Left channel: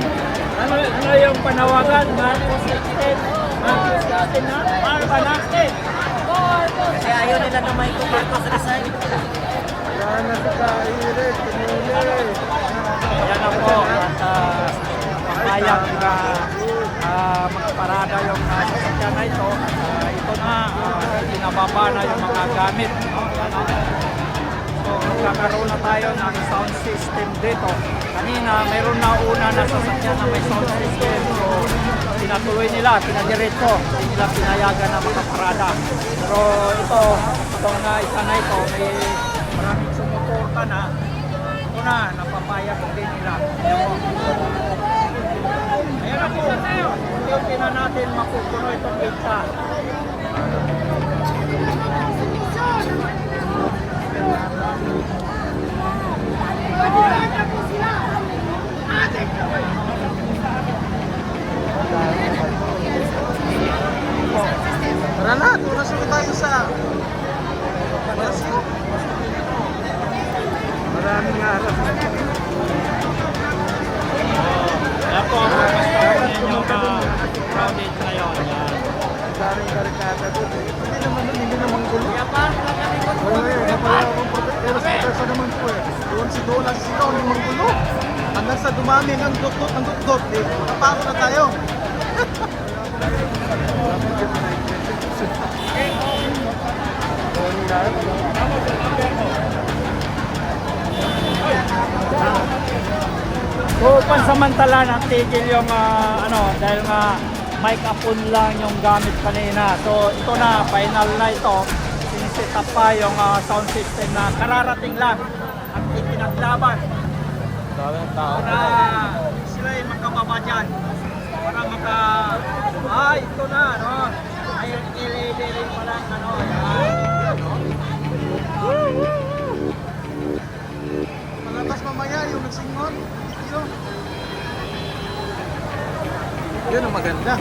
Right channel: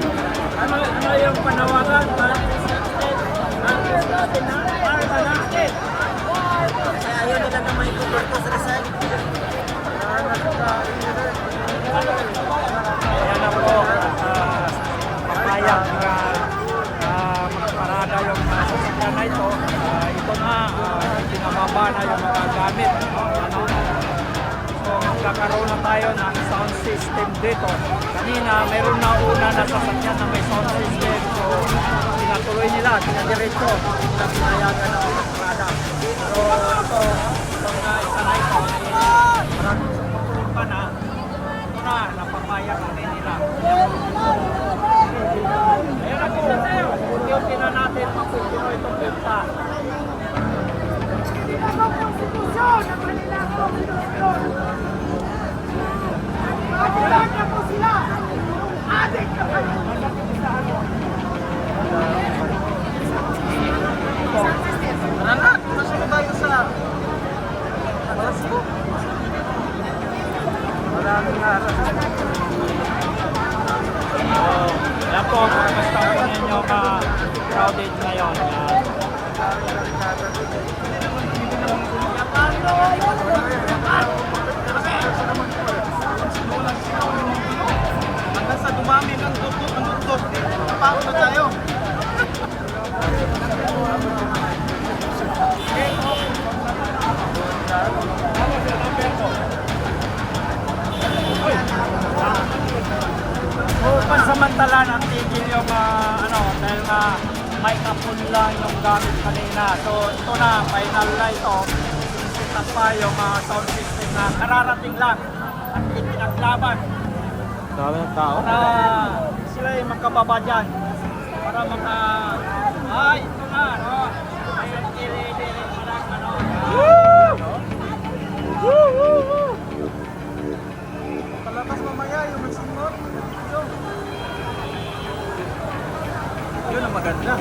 Ano yung panawagan? Natin na? Marka natin! Kaya ayaw nila na may kumpirma sa resign. Ayan na po, at papayag na magparada yung sasakyan na ito. At ito na, pinababa na yung mga gamit. No? Ayan, no? So magkakaroon na tayo ng sound system dito. Kanina mayroon na una na sasakyan na may sound system. So pinatuloy nila, pinadiretso. Hindi nila pinayagan na makaparada. Pero ito na isa na ito. Tara na, tulas na tayo sa Palasyo. Ayan po, pagpasta po ninyo crowded na yun. Yan. Hindi naman gulo. Doon lang sila, hindi naman gulo. Hanggang sa dumami ng dot-dot, naparo na tayo. So, pansamantala ng tigil yung dahil mic upon lang yung gamit kanina. So, ito na, final na ito. Sinet up pa yung sound system na kararating lang. Pinaglaban. Para sila yung makababa dyan. Para ito na, no? Palabas mamaya yung nagsingot, nag-video. Yun ang maganda.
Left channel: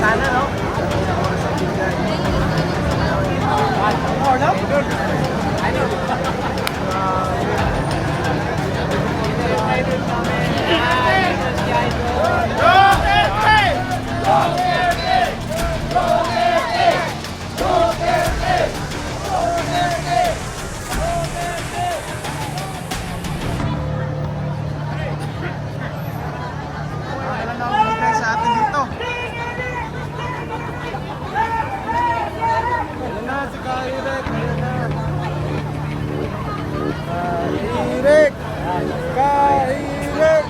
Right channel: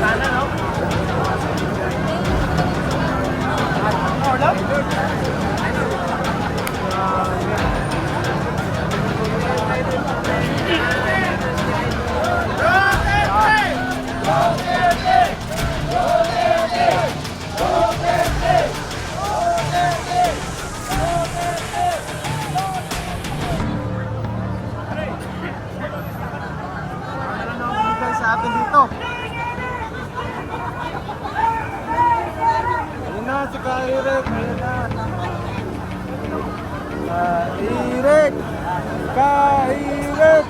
Sana, no? Ano na ang binigay sa atin dito? Kahirek! Kahirek!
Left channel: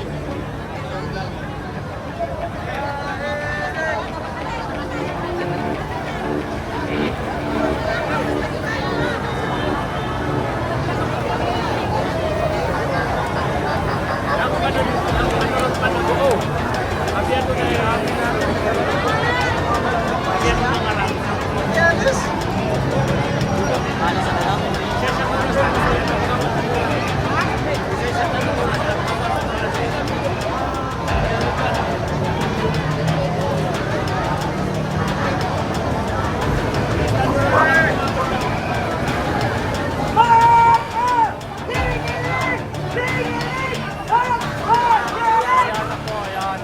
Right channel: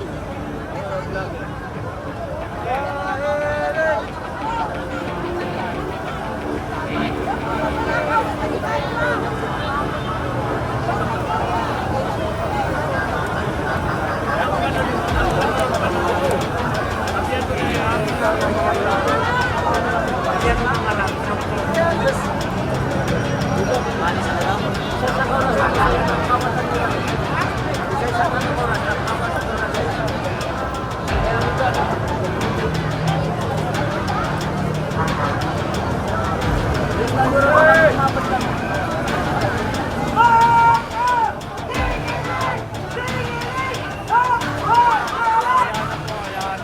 Bali sa nila. Ayan na po, ayan.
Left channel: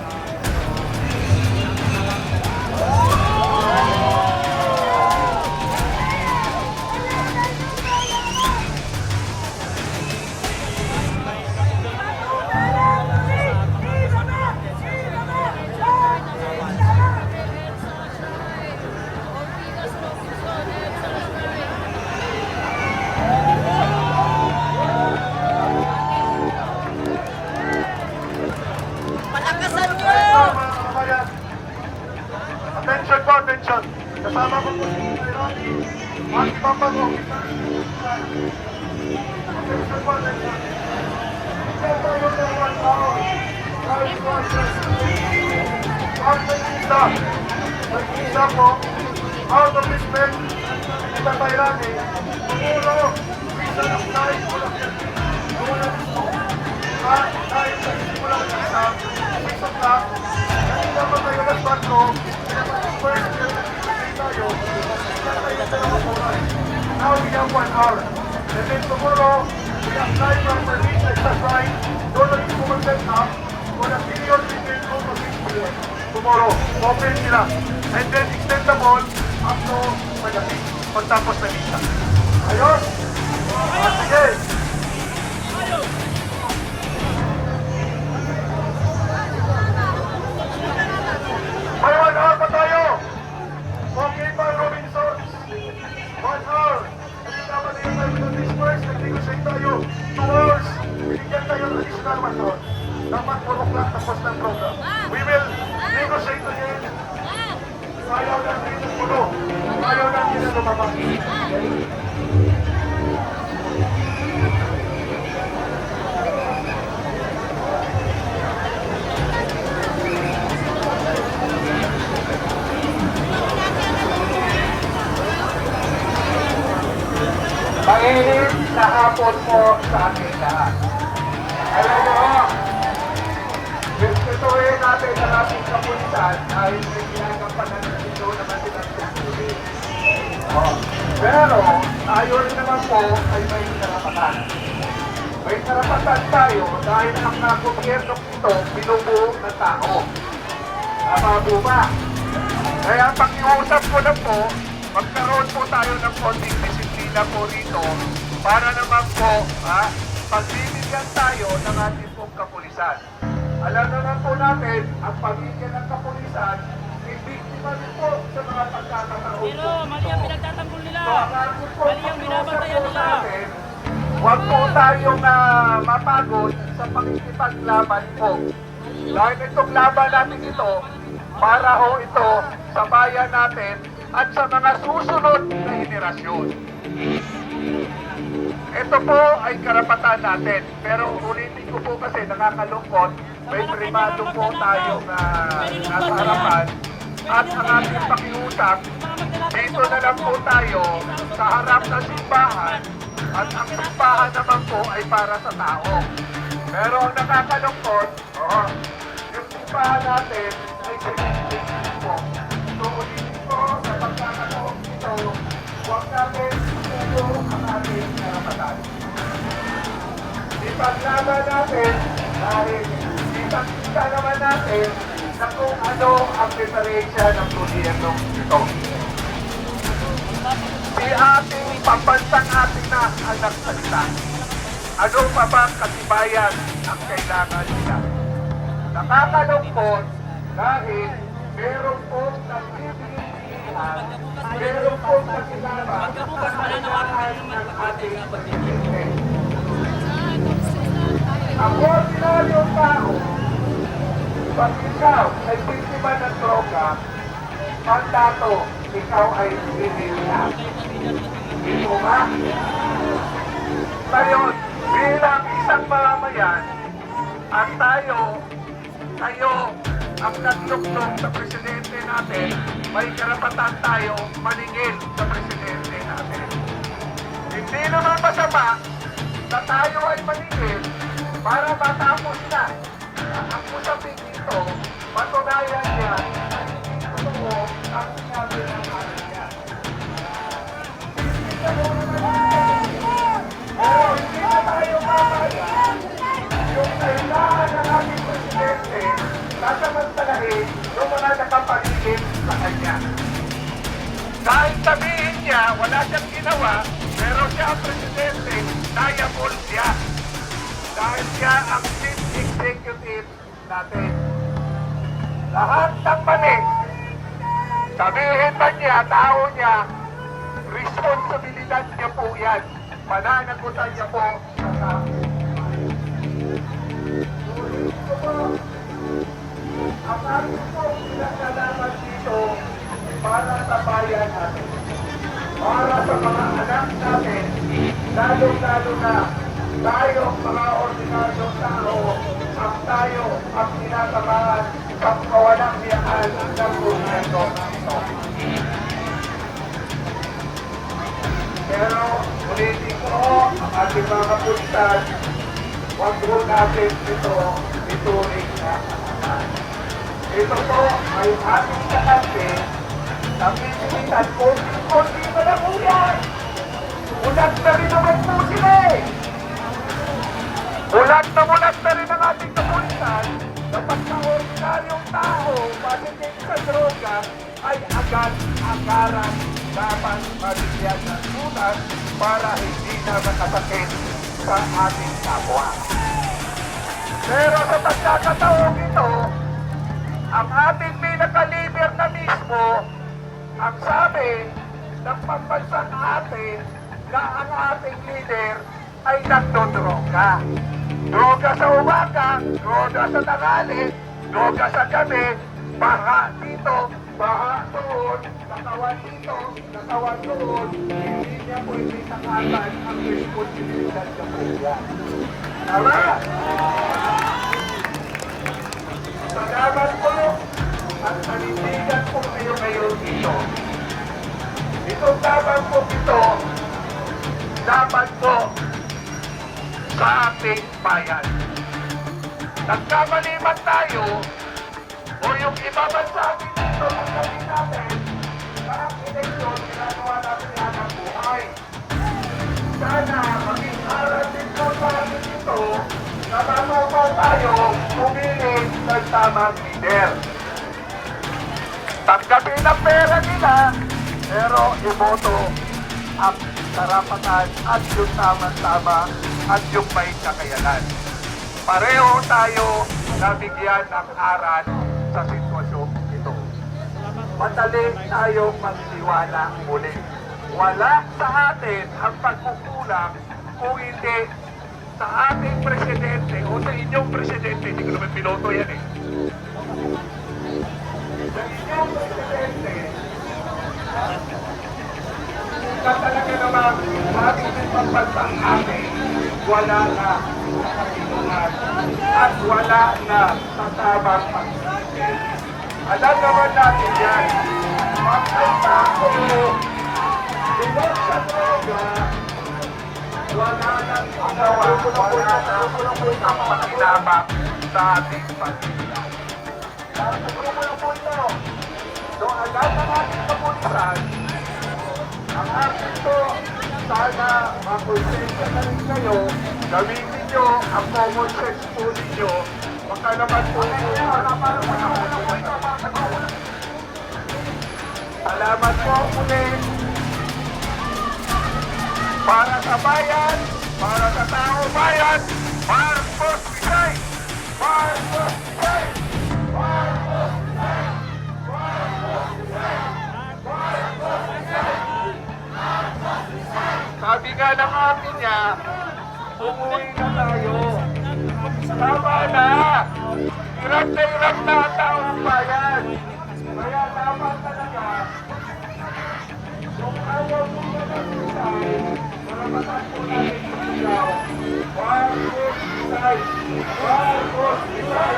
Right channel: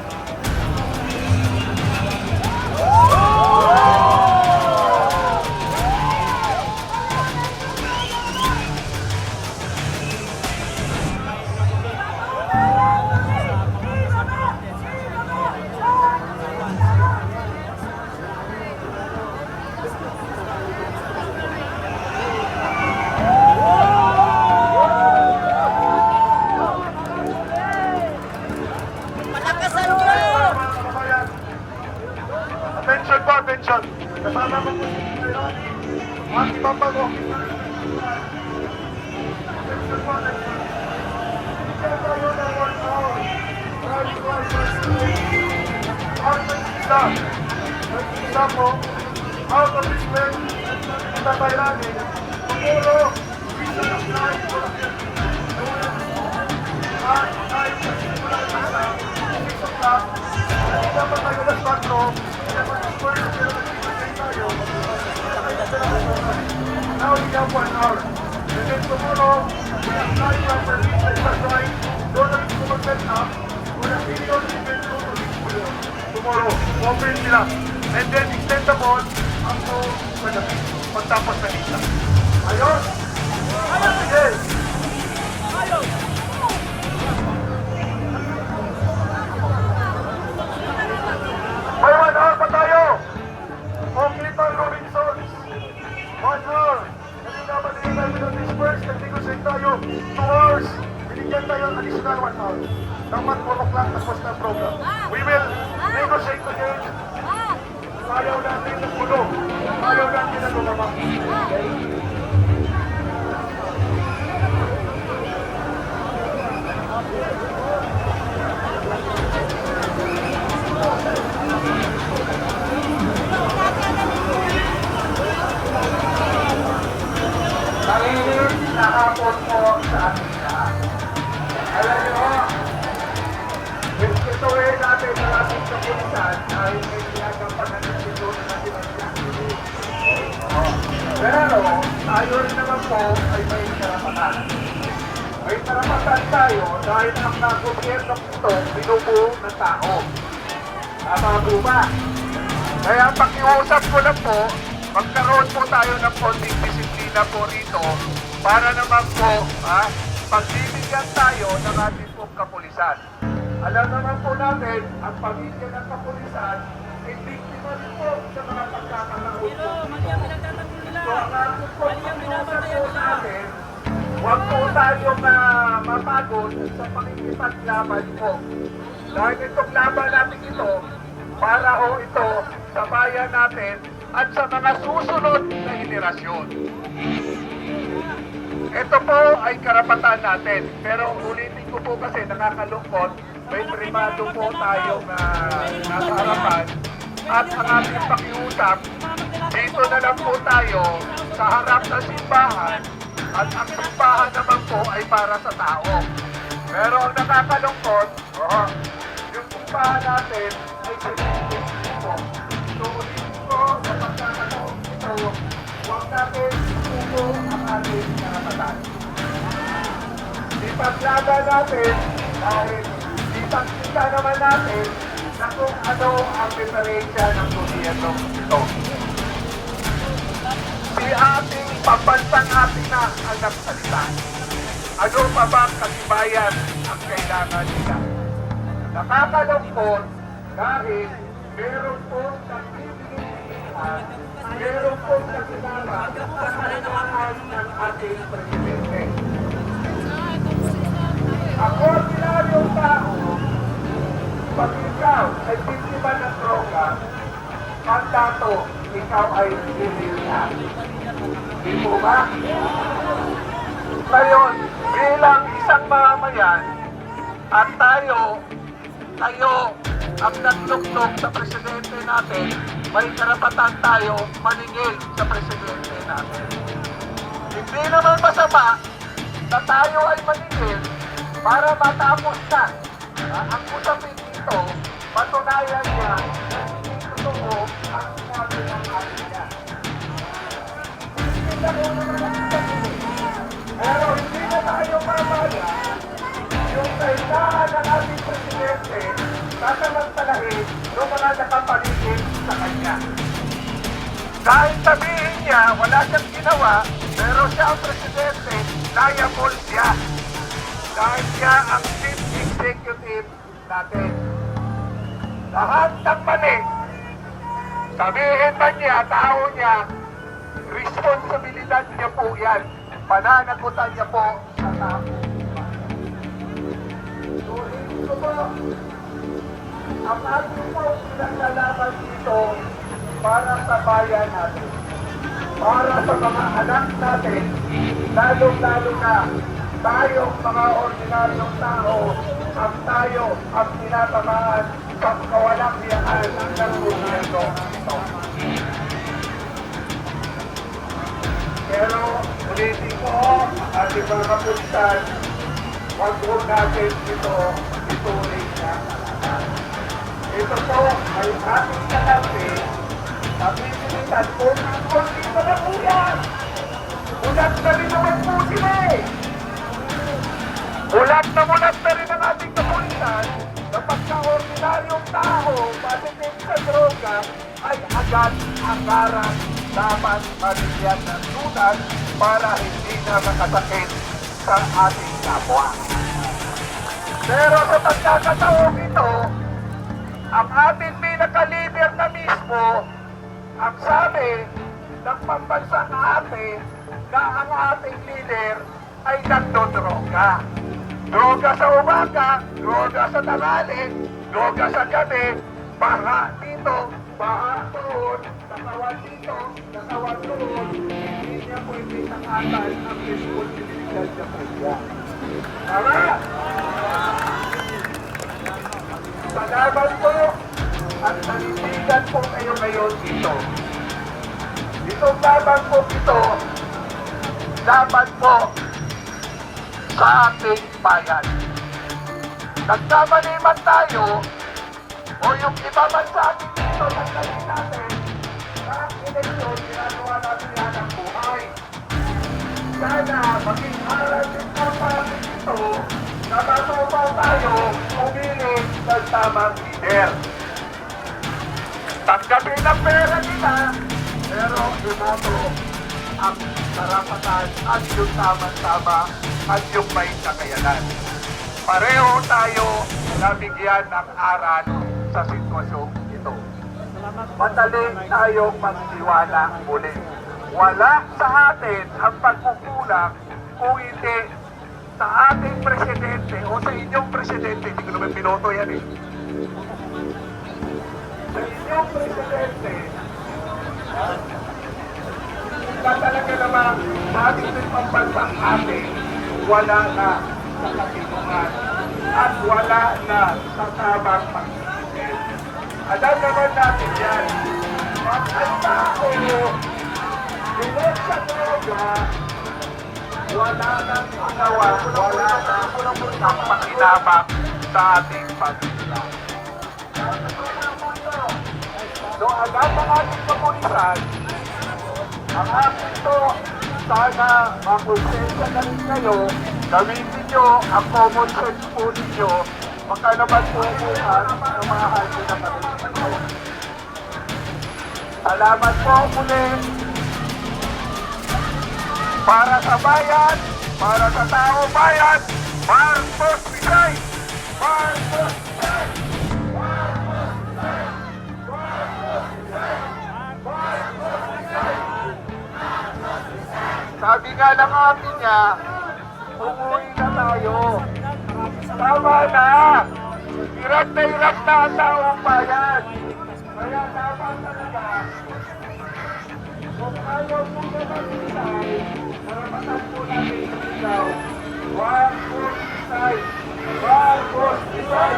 Palakasan nyo! Attention po, attention. Kasama ko po si Ronnie. At Papago. Attention po, attention. Bigyan tayo ng 1 hour. Right, right, right. isa. Isa po, out of respect sa Tayrani, siguro, isa ng flight po lang yan. Doon na dito. At dahil sa simula ng isa, 6 o'clock, kanina pa tayo na 4, kaya mag-first year na pinagay tayo, now we have 1 hour. And then tomorrow, we apply properly, like that's right, doon na rin po mag-set up, for the period between 2 to 6 p.m. Tomorrow, open sila. And then extendable up to pagdating, pagtapos na misa. Ayos? Sige. May 1 hour pa tayo. Okay pa, Robinsons. 1 hour. Hindi naman din tayo disperse. Nag-negotiate tayo. 2 hours. Binigyan tayo ng additional 1 hour. Dapat 4 o'clock tapos na ang program. We will negotiate again. Ayaw natin ng puno. Ayaw natin na lumabang. Okay? Mainit na hapon po sa ating lahat. Alam nyo, gustuhin natin ang ating kapulisan dahil may ginagampanan ng silo naman sila sa huli. Pero tayo rin naman po ay may karapatan. May karapatan tayo dahil ang gobyerno ito binubuo ng tao. Tama po ba? Kaya ang pakiusap ko lang po, magkaroon po tayo ng konting disiplina po rito para naman po, pagbibigyan tayo ng ating pong kapulisan. Alam naman po natin, ang pamilya ng kapulisan ay biktima rin po sa mga pagkakataon po. Pero mali ang pinagtatanggol nila. So ang ating po Mali ang binabantayan nila. natin, huwag po tayong mapagod sa pakikipaglaban po. Dahil itong laban natin ito, para ho ito sa bayan natin at sa mga susunod na henerasyon. Ito po ay karapatan natin. Pero ulitin ko po kasi nakakalungkot, may primado po tayong nasa harapan at ang ating pakiusap, dito na lang po tayo sa harap ng simbahan at ang simbahan naman po ay para sa tao. Pero ang nakakalungkot, yung simbahan natin ay sinisipan po. So ulitin ko sa pagkakataon ito, huwag natin isugo ang ating karapatan. Ipaglaban natin dahil ipagkita naman natin na kung ano ang diferensya ng gobyerno ito. Si ating pambansang ating na ang nagsalita. Ano pa bang katibayan ang kailangan nila? Nakakalungkot dahil meron pong nagbibigay-bigyan, meron pong nakilala sa kailangan ng ating presidente. Ang ordinaryong tao, pag ikaw ay biktima ng droga, mandato, ikaw ay bibigyan. Di po ba? Ngayon, bilang isang mamamayan, at tayo ang nagtuklong sa presidente natin, may karapatan tayo maningil sa presidente natin. Hindi naman masama na tayo ay maningil para matapos na. Ang usapin dito, patunayan niya hindi totoo ang sinabi ng atin niya. Pero hindi na tayo mamaya yung kailangan ng ating presidente sasamantalahin yung mga nakapaligid sa kanya. Dahil sabihin niya, wala siyang ginawa, pero siya ang presidente, liable siya. Dahil siya ang chief executive natin. Lahat ng mali, sabihin man niya, tao niya, responsibilidad niya po yan. Pananagutan niya po sa tao. Ang ating po pinagkalaban dito para sa bayan natin. Para sa mga anak natin, lalo-lalo na tayong mga ordinaryong tao, ang tayo ang tinatamaan sa kawalang hiyaan ng gobyerno ito. Pero ulitin ko, ang ating mga kapulisan, huwag po natin ito ituring na kalaban. Ito po ay ating kakampi na pipilitan konti pa na po yan. Mulat na rin naman po sila eh. Mulat na rin ang ating kapulisan na pagka-ordinaryong tao matitig sa droga ay agad-agaran dapat mabigyan ng sunan para hindi na makasakit sa ating kapwa. Pero sa pagkakataong ito, ang ating pinaka-leader na mismo, ang sabi ng pambansang ate na ang ating leader ay nagdodroga. Droga sa umaga, droga sa tanghali, droga sa gabi, baha dito, baha doon, nakawan dito, nakawan doon, hindi niya pwede sakatan ang responsibilidad niya po yan. Tama? Salamat po at panindigan po kayo ngayon dito. Itong laban po ito, laban po sa ating bayan. Nagkamali man tayo o yung iba man sa atin dito ang naging natin na ang eleksyon, ginagawa natin yan ang buhay. Sana maging aral din po tayo dito na matutuw tayo pumili ng tamang leader. Tanggapin ang pera nila, pero iboto ang karapatan at yung tama-tama at yung may kakayanan. Pareho tayo nabigyan ng aral sa sitwasyong ito. Madali tayong magtiwala muli. Wala sa atin ang pagkukulang kung hindi sa ating presidente o sa inyong presidente. Hindi ko naman piloto yan eh. Sa inyong presidente, na talaga naman ating pagpansang atin, wala na sa katinungan at wala na sa tamang pag-isip. Alam naman natin yan, pag ang tao lumot sa droga, wala na ginawa, wala na ang pakinabang sa ating pag-isip. So agad na natin kapulisan, ang akin to, sana makonsensya na rin kayo, gamitin nyo ang common sense po ninyo, baka naman po bukas na mahal nyo na kami dito. Salamat po muli para sa bayan, para sa tao bayan, Marcos Visay! Marcos Visay! Marcos Visay! Marcos Visay! Marcos Visay! Sabi nga ng amin niya, umuwi na tayo. Tama na! Hirap na ang taong bayan. Kaya dapat talaga, kung ayaw mo na mag-isay, karapatan po natin isigaw. Marcos Visay! Marcos Visay!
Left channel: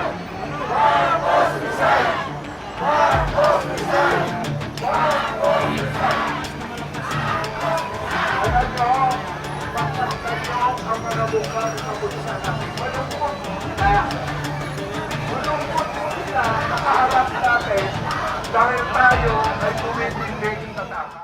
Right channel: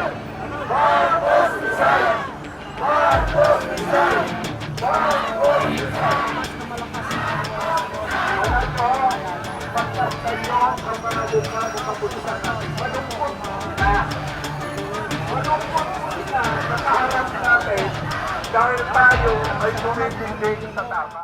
Marcos Visay! Marcos Visay! Marcos Visay! Alam nyo, pagkaskayo ang mga buka ng kapulisan natin. Malungkot po sila. Malungkot po sila sa kaharap natin dahil tayo ay tumitindig sa tama.